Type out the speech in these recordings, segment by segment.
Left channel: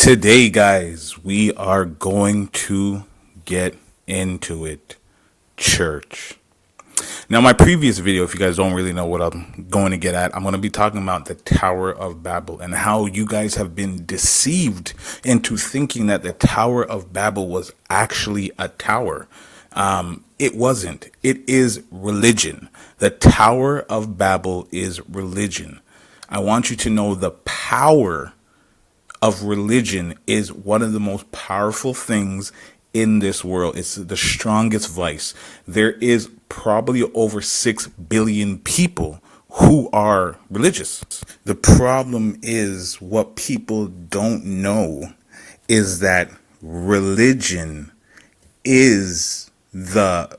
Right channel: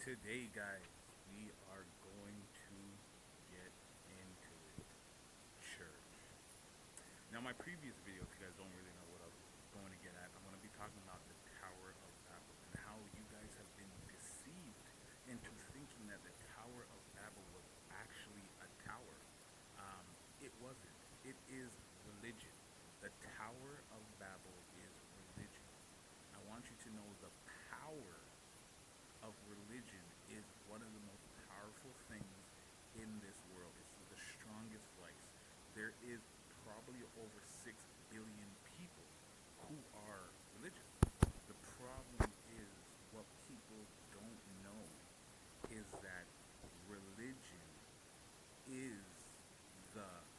Today, guys, we are going to get into it. Church. Now, my previous video, if you guys don't really know what I'm going to get at, I'm going to be talking about the Tower of Babel and how you guys have been deceived into thinking that the Tower of Babel was actually a tower. It wasn't. It is religion. The Tower of Babel is religion. I want you to know the power of religion is one of the most powerful things in this world. It's the strongest vice. There is probably over 6 billion people who are religious. The problem is what people don't know is that religion is the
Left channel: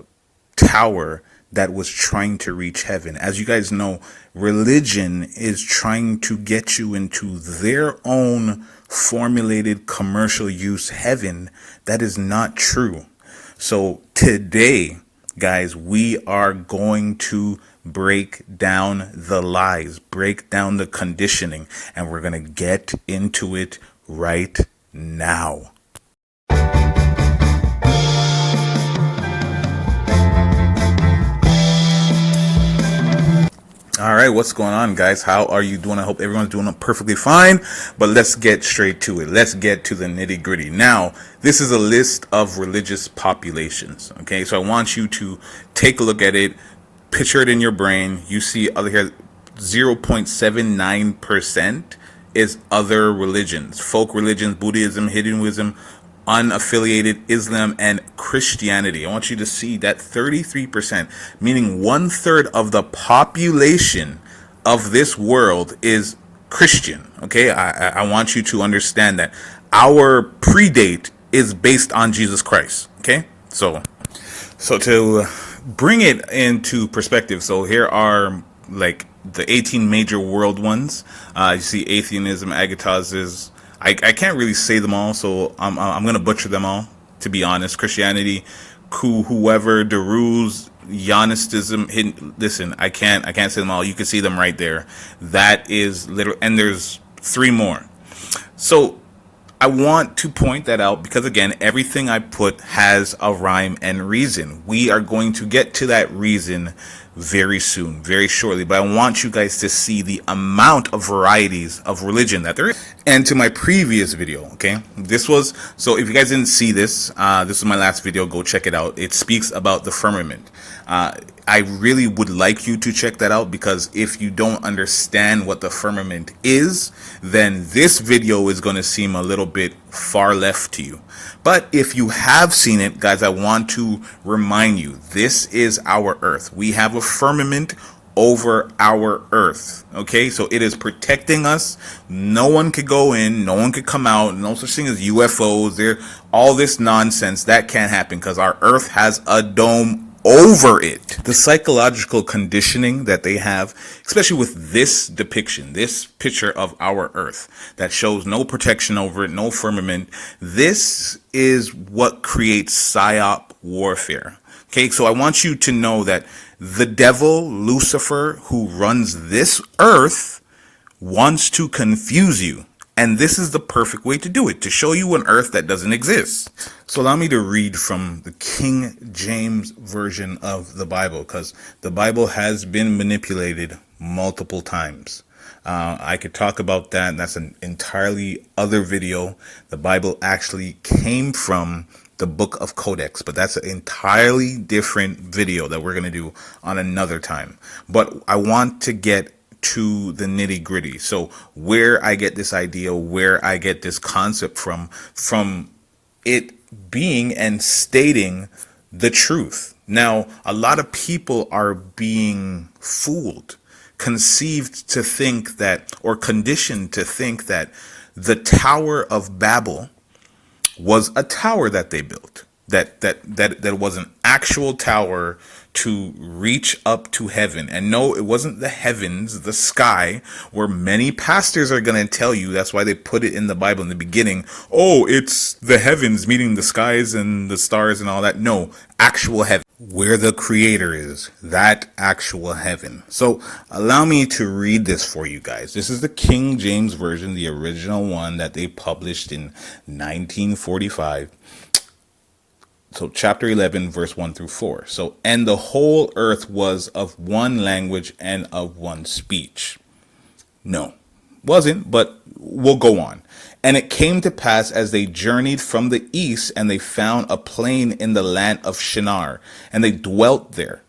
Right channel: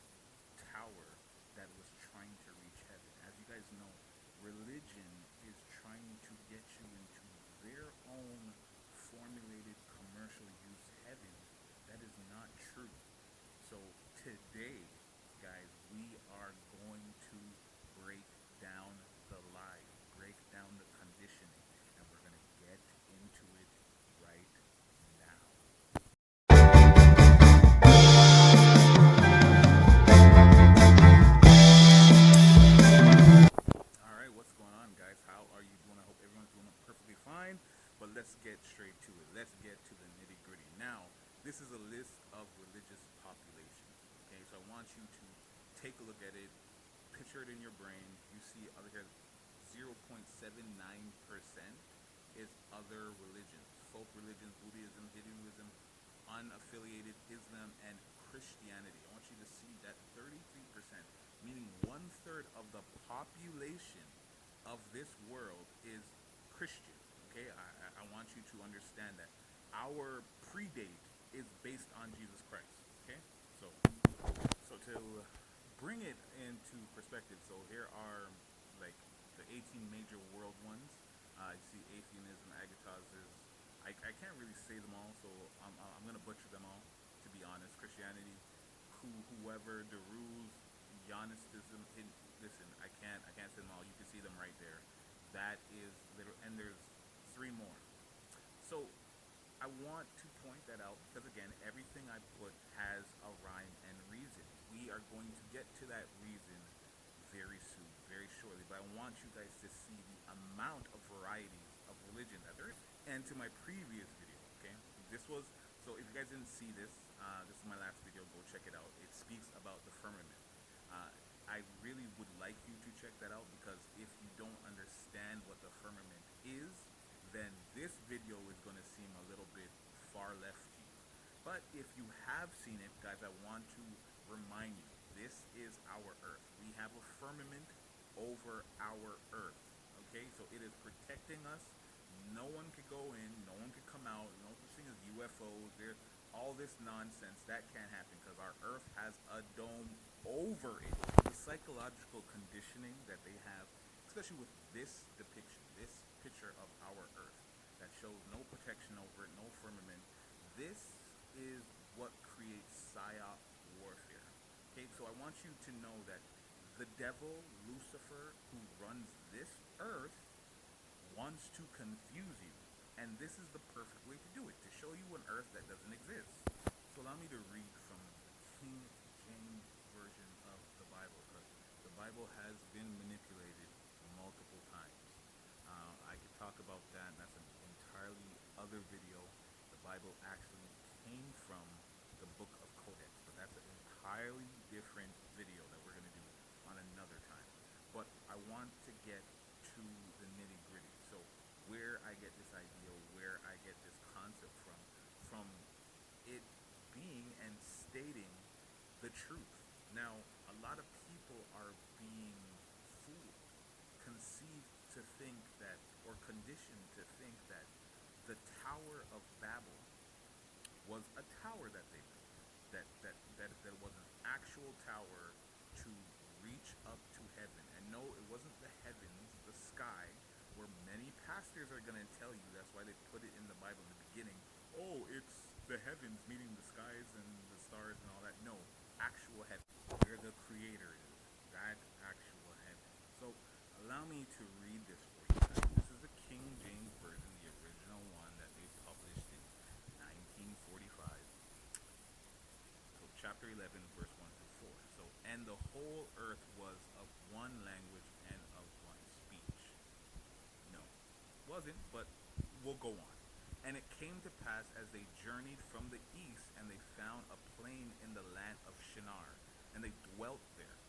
tower that was trying to reach heaven. As you guys know, religion is trying to get you into their own formulated commercial use heaven. That is not true. So today, guys, we are going to break down the lies, break down the conditioning, and we're going to get into it right now. All right, what's going on, guys? How are you doing? I hope everyone's doing perfectly fine, but let's get straight to it. Let's get to the nitty gritty. Now, this is a list of religious populations, okay? So I want you to take a look at it, picture it in your brain. You see other here, 0.79% is other religions, folk religions, Buddhism, Hinduism, unaffiliated Islam, and Christianity. I want you to see that 33%, meaning 1/3 of the population of this world is Christian. Okay, I want you to understand that our predate is based on Jesus Christ. Okay, so to bring it into perspective, so here are like the 18 major world ones. You see atheism, agatism. I can't really say them all, so I'm gonna butcher them all. To be honest, Christianity, whoever, Deruz, Gnosticism. Listen, I can't say them all. You can see them right there. That is literal, and there's 3 more. So I want to point that out because, again, everything I put has a rhyme and reason. We are going to get to that reason very soon, very shortly, but I want you guys to see the amount of varieties of religion that there is. And to my previous video, okay, so if you guys didn't see this, this is my last video, go check it out. It speaks about the firmament. I really would like you to check that out, because if you don't understand what the firmament is, then this video is going to seem a little bit far left to you. But if you have seen it, guys, I want to remind you, this is our earth. We have a firmament over our earth. Okay, so it is protecting us. No one could go in, no one could come out, no such thing as UFOs. There, all this nonsense that can't happen because our earth has a dome over it. The psychological conditioning that they have, especially with this depiction, this picture of our earth that shows no protection over it, no firmament, this is what creates psyop warfare. Okay, so I want you to know that the devil, Lucifer, who runs this earth, wants to confuse you. And this is the perfect way to do it, to show you an earth that doesn't exist. So allow me to read from the King James Version of the Bible, because the Bible has been manipulated multiple times. I could talk about that, and that's an entirely other video. The Bible actually came from the Book of Codex, but that's an entirely different video that we're going to do on another time. But I want to get to the nitty gritty. So where I get this idea, where I get this concept from it being and stating the truth. Now, a lot of people are being fooled, conceived to think that, or conditioned to think that the Tower of Babel was a tower that they built, that was an actual tower to reach up to heaven. And no, it wasn't the heavens, the sky, where many pastors are going to tell you. That's why they put it in the Bible in the beginning. Oh, it's the heavens, meaning the skies and the stars and all that. No, actual heaven. where the creator is, that actual heaven. So allow me to read this for you guys. This is the King James Version, the original one that they published in 1945. So chapter 11, verse 1 through 4. So, and the whole earth was of one language and of one speech. No, wasn't, but we'll go on. And it came to pass as they journeyed from the east, and they found a plain in the land of Shinar, and they dwelt there.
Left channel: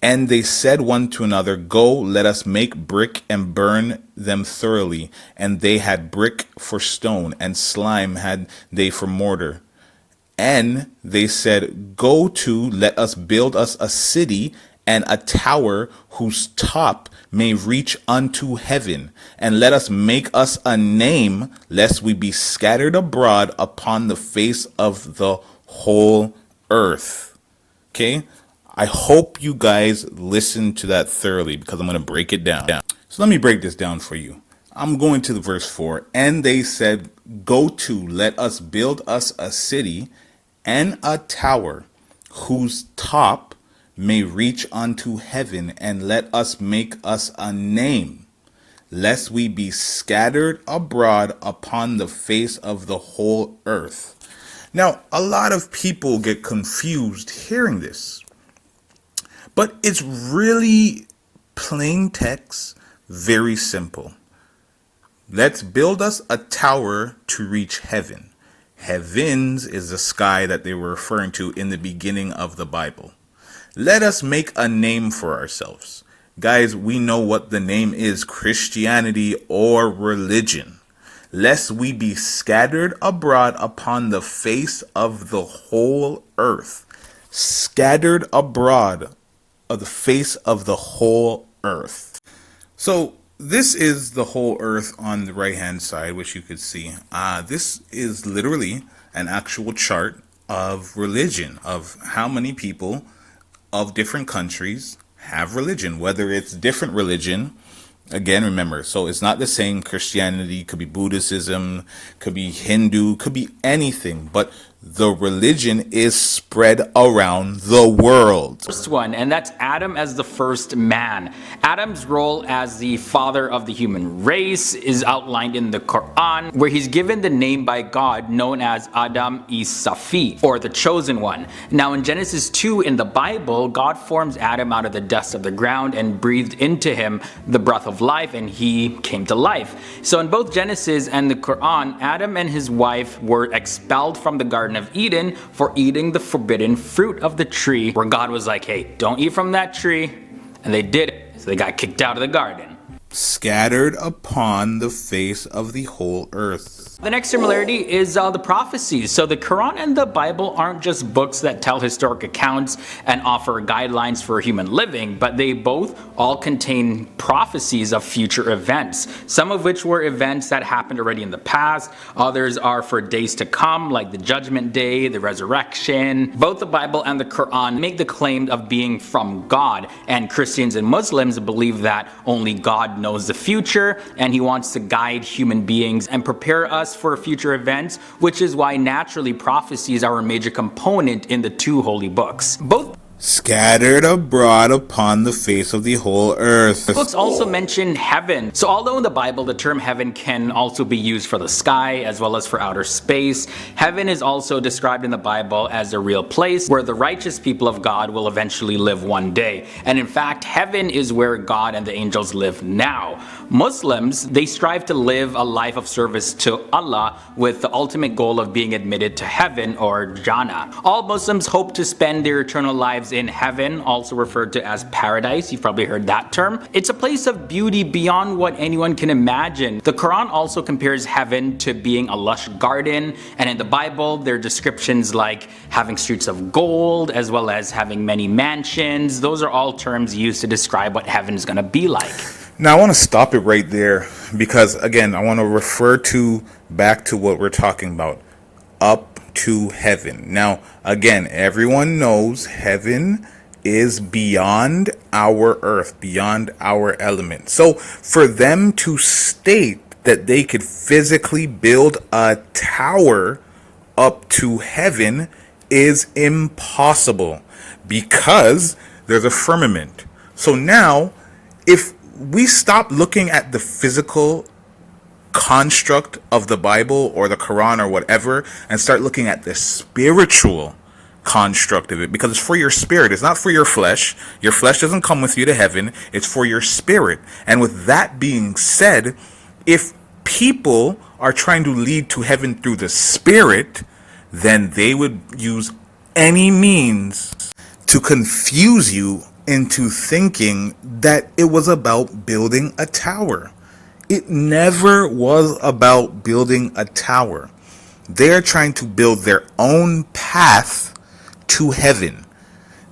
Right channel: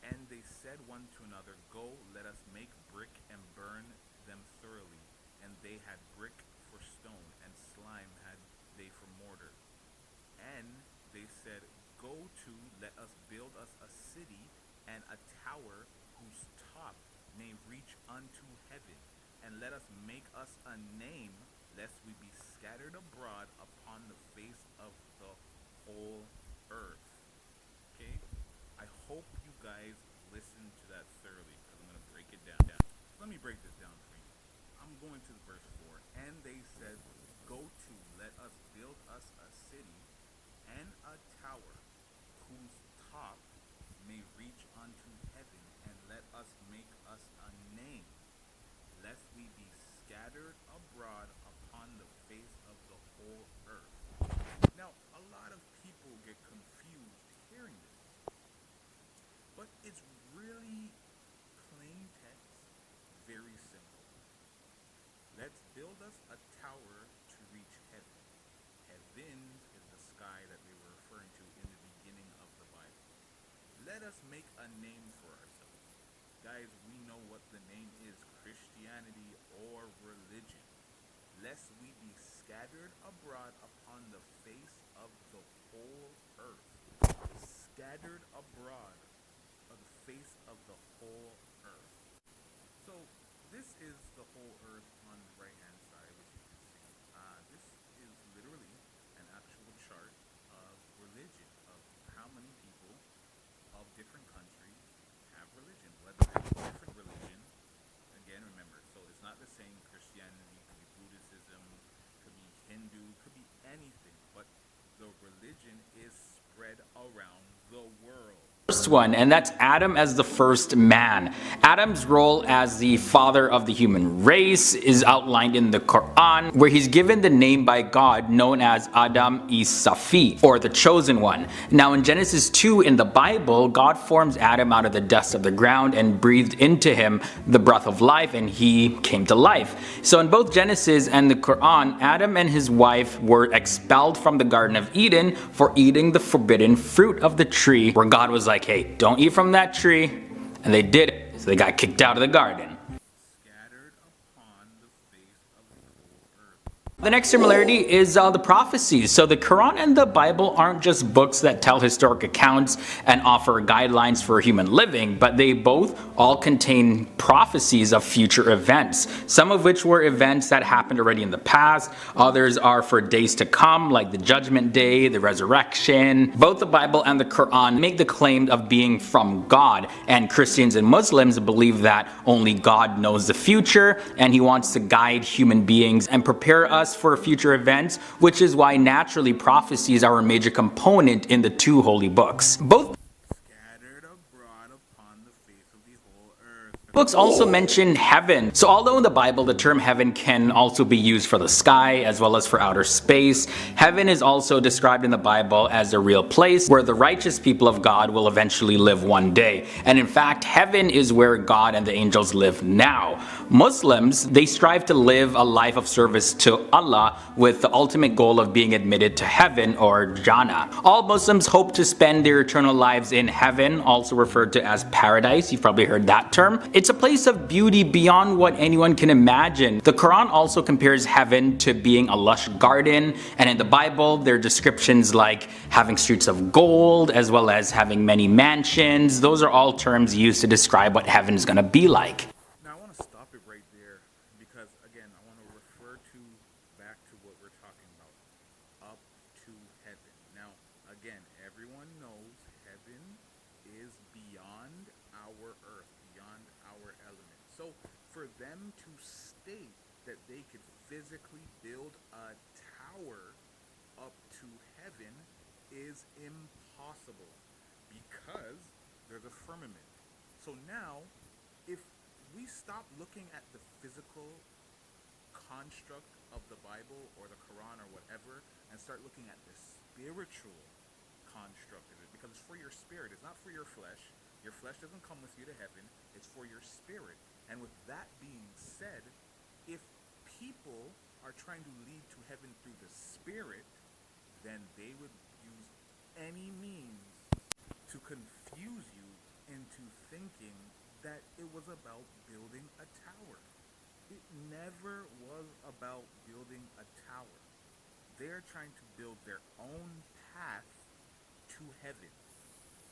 And they said one to another, Go, let us make brick and burn them thoroughly. And they had brick for stone, and slime had they for mortar. And they said, Go to, let us build us a city and a tower whose top may reach unto heaven. And let us make us a name, lest we be scattered abroad upon the face of the whole earth. Okay? I hope you guys listen to that thoroughly, because I'm going to break it down. So let me break this down for you. I'm going to the verse 4. And they said, Go to, let us build us a city and a tower whose top may reach unto heaven, and let us make us a name, lest we be scattered abroad upon the face of the whole earth. Now, a lot of people get confused hearing this, but it's really plain text, very simple. Let's build us a tower to reach heaven. Heavens is the sky that they were referring to in the beginning of the Bible. Let us make a name for ourselves. Guys, we know what the name is, Christianity or religion. Lest we be scattered abroad upon the face of the whole earth. Scattered abroad of the face of the whole earth. So this is the whole earth on the right hand side, which you could see. This is literally an actual chart of religion, of how many people of different countries have religion, whether it's different religion. Again, remember, so it's not the same. Christianity could be Buddhism, could be Hindu, could be anything, but the religion is spread around the world. First one, and that's Adam as the first man. Adam's role as the father of the human race is outlined in the Quran, where he's given the name by God known as Adam-i-Safi, or the chosen one. Now in Genesis 2 in the Bible, God forms Adam out of the dust of the ground and breathed into him the breath of life, and he came to life. So in both Genesis and the Quran, Adam and his wife were expelled from the Garden of Eden for eating the forbidden fruit of the tree, where God was like, hey, don't eat from that tree, and they did it, so they got kicked out of the garden. Scattered upon the face of the whole earth. The next similarity is the prophecies. So the Quran and the Bible aren't just books that tell historic accounts and offer guidelines for human living, but they both all contain prophecies of future events, some of which were events that happened already in the past. Others are for days to come, like the Judgment Day, the resurrection. Both the Bible and the Quran make the claim of being from God, and Christians and Muslims believe that only God knows the future, and he wants to guide human beings and prepare us for future events, which is why naturally prophecies are a major component in the two holy books. Both Scattered abroad upon the face of the whole earth. books also mention heaven. So although in the Bible the term heaven can also be used for the sky as well as for outer space, heaven is also described in the Bible as a real place where the righteous people of God will eventually live one day. And in fact, heaven is where God and the angels live now. Muslims, they strive to live a life of service to Allah with the ultimate goal of being admitted to heaven, or Jannah. All Muslims hope to spend their eternal lives in heaven, also referred to as paradise. You've probably heard that term. It's a place of beauty beyond what anyone can imagine. The Quran also compares heaven to being a lush garden, and in the Bible there are descriptions like having streets of gold as well as having many mansions. Those are all terms used to describe what heaven is going to be like. Now I want to stop it right there, because again I want to refer back to what we're talking about, up to heaven. Now again, everyone knows heaven is beyond our earth, beyond our element. So for them to state that they could physically build a tower up to heaven is impossible, Because there's a firmament. So now, if we stop looking at the physical construct of the Bible or the Quran or whatever and start looking at the spiritual construct of it, because it's for your spirit, it's not for your flesh. Your flesh doesn't come with you to heaven, it's for your spirit. And with that being said, if people are trying to lead to heaven through the spirit, then they would use any means to confuse you into thinking that it was about building a tower. It never was about building a tower. They're trying to build their own path to heaven.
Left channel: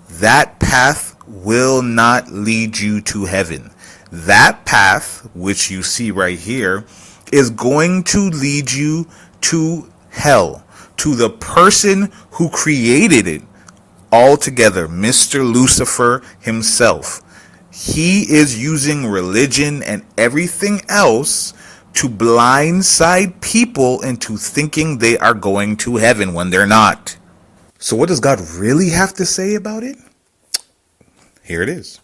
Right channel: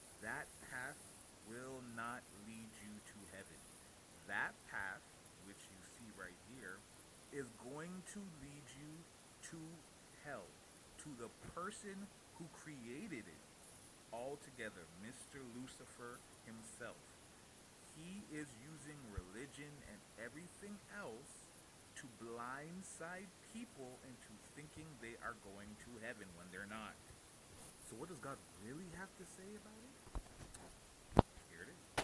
That path will not lead you to heaven. That path, which you see right here, is going to lead you to hell, to the person who created it altogether, Mr. Lucifer himself. He is using religion and everything else to blindside people into thinking they are going to heaven when they're not. So what does God really have to say about it? Here it is.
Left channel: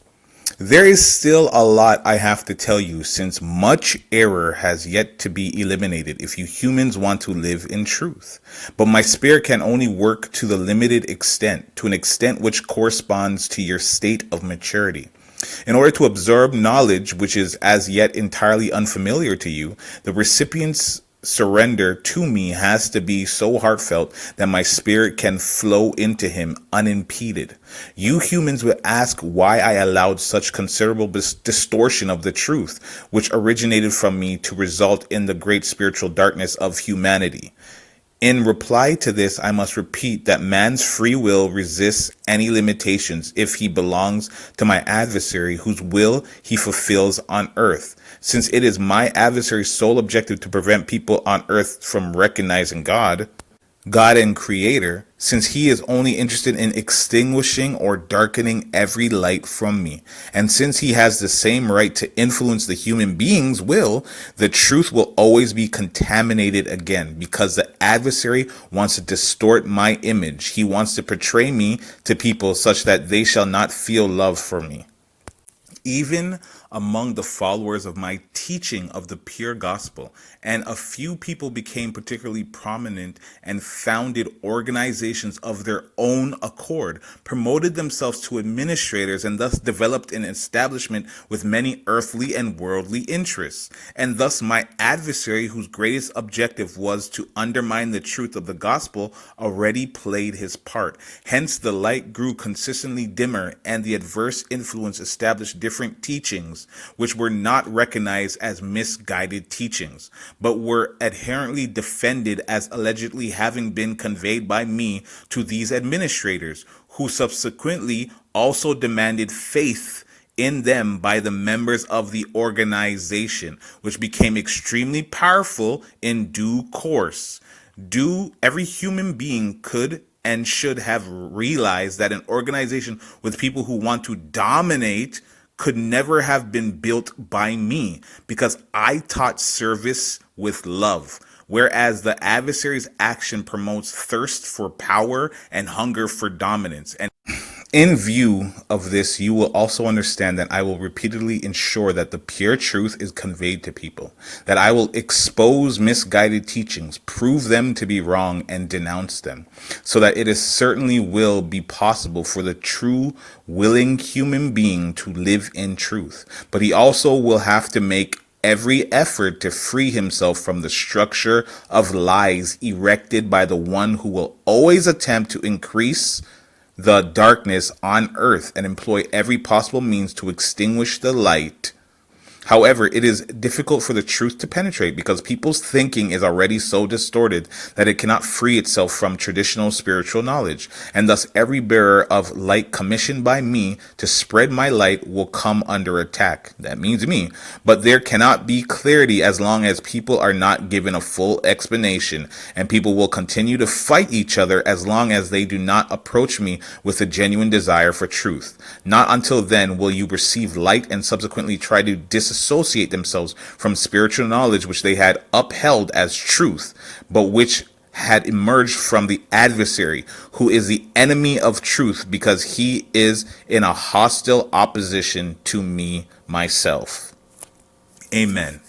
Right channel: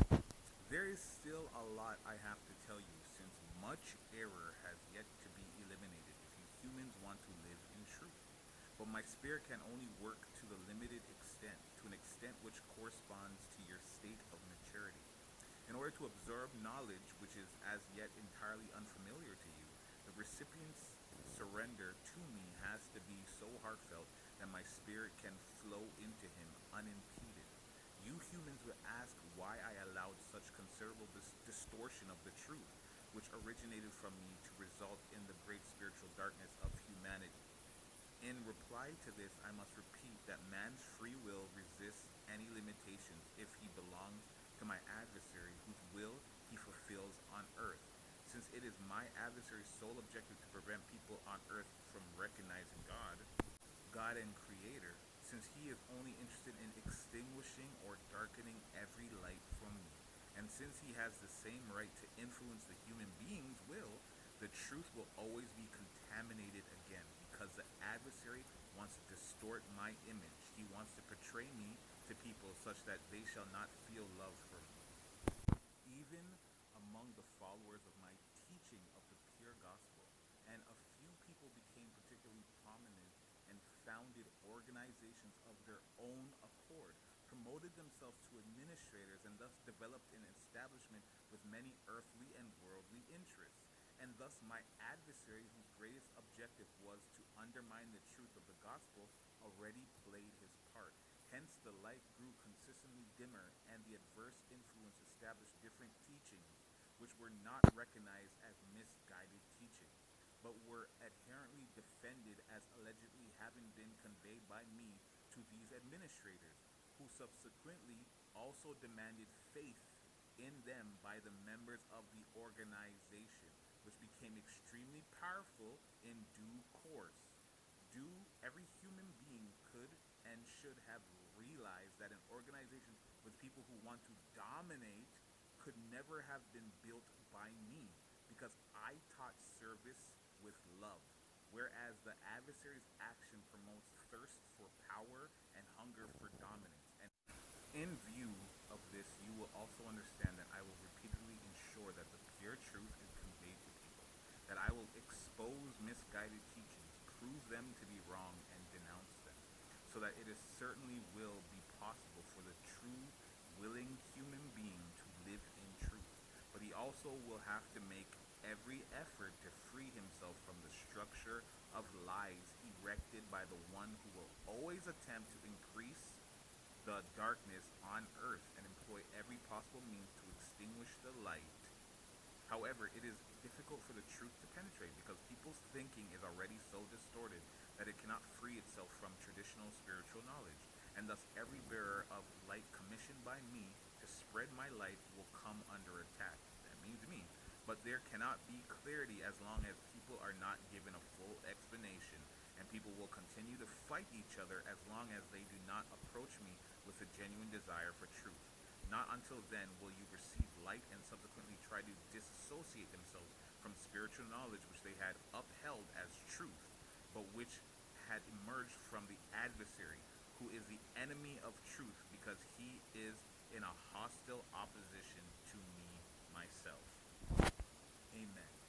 There is still a lot I have to tell you, since much error has yet to be eliminated if you humans want to live in truth. But my spirit can only work to the limited extent, to an extent which corresponds to your state of maturity. In order to absorb knowledge which is as yet entirely unfamiliar to you, the recipient's surrender to me has to be so heartfelt that my spirit can flow into him unimpeded. You humans would ask why I allowed such considerable distortion of the truth, which originated from me, to result in the great spiritual darkness of humanity. In reply to this, I must repeat that man's free will resists any limitations if he belongs to my adversary, whose will he fulfills on earth. Since it is my adversary's sole objective to prevent people on earth from recognizing God and Creator, since he is only interested in extinguishing or darkening every light from me, and since he has the same right to influence the human being's will, the truth will always be contaminated again, because the adversary wants to distort my image. He wants to portray me to people such that they shall not feel love for me. Even among the followers of my teaching of the pure gospel, and a few people became particularly prominent and founded organizations of their own accord, promoted themselves to administrators, and thus developed an establishment with many earthly and worldly interests. And thus my adversary, whose greatest objective was to undermine the truth of the gospel, already played his part. Hence the light grew consistently dimmer, and the adverse influence established different teachings which were not recognized as misguided teachings, but were adherently defended as allegedly having been conveyed by me to these administrators, who subsequently also demanded faith in them by the members of the organization, which became extremely powerful in due course. Every human being could and should have realized that an organization with people who want to dominate could never have been built by me, because I taught service with love, whereas the adversary's action promotes thirst for power and hunger for dominance. And in view of this, you will also understand that I will repeatedly ensure that the pure truth is conveyed to people, that I will expose misguided teachings, prove them to be wrong, and denounce them, so that it is certainly will be possible for the true willing human being to live in truth. But he also will have to make every effort to free himself from the structure of lies erected by the one who will always attempt to increase the darkness on earth and employ every possible means to extinguish the light. However, it is difficult for the truth to penetrate, because people's thinking is already so distorted that it cannot free itself from traditional spiritual knowledge, and thus every bearer of light commissioned by me to spread my light will come under attack. That means me. But there cannot be clarity as long as people are not given a full explanation, and people will continue to fight each other as long as they do not approach me with a genuine desire for truth. Not until then will you receive light and subsequently try to disassociate themselves from spiritual knowledge which they had upheld as truth, but which had emerged from the adversary, who is the enemy of truth, because he is in a hostile opposition to me, myself. Amen.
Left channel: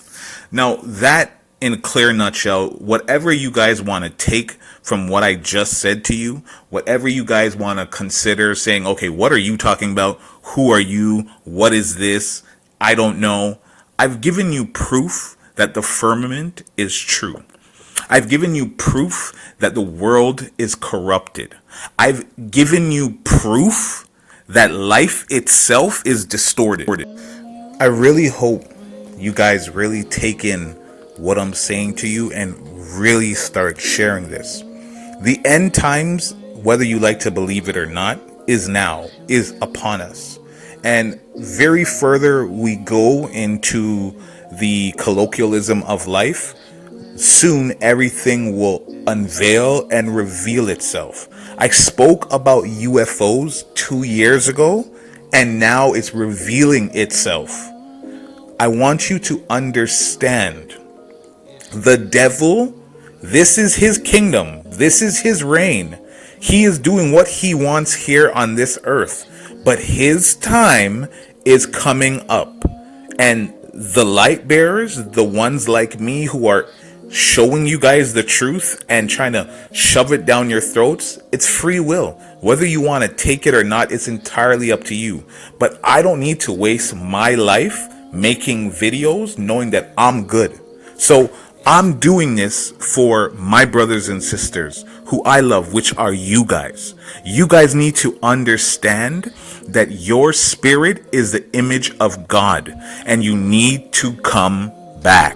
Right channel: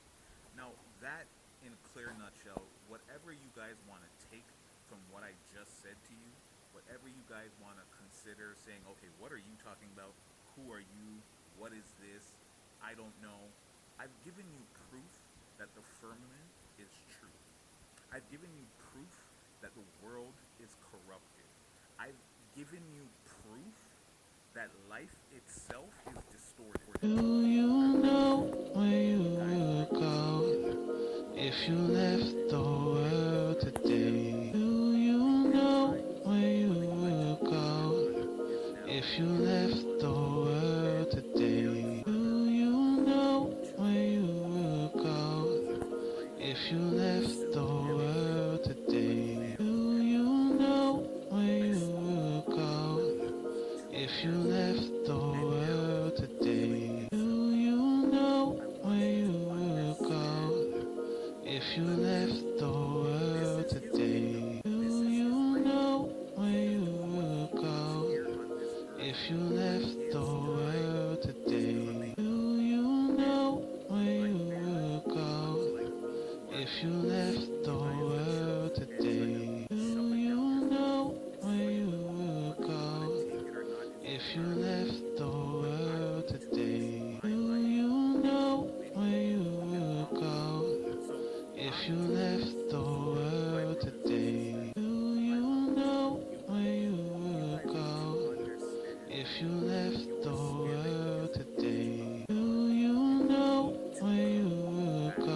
Now, that in a clear nutshell, whatever you guys want to take from what I just said to you, whatever you guys want to consider saying, okay, what are you talking about? Who are you? What is this? I don't know. I've given you proof that the firmament is true. I've given you proof that the world is corrupted. I've given you proof that life itself is distorted. I really hope you guys really take in what I'm saying to you and really start sharing this. The end times, whether you like to believe it or not, is now, is upon us. And very further we go into the colloquialism of life, soon everything will unveil and reveal itself. I spoke about UFOs 2 years ago, and now it's revealing itself. I want you to understand the devil, this is his kingdom, this is his reign. He is doing what he wants here on this earth, but his time is coming up. And the light bearers, the ones like me who are showing you guys the truth and trying to shove it down your throats, it's free will. Whether you want to take it or not, it's entirely up to you. But I don't need to waste my life making videos knowing that I'm good. So I'm doing this for my brothers and sisters who I love, which are you guys. You guys need to understand that your spirit is the image of God, and you need to come back.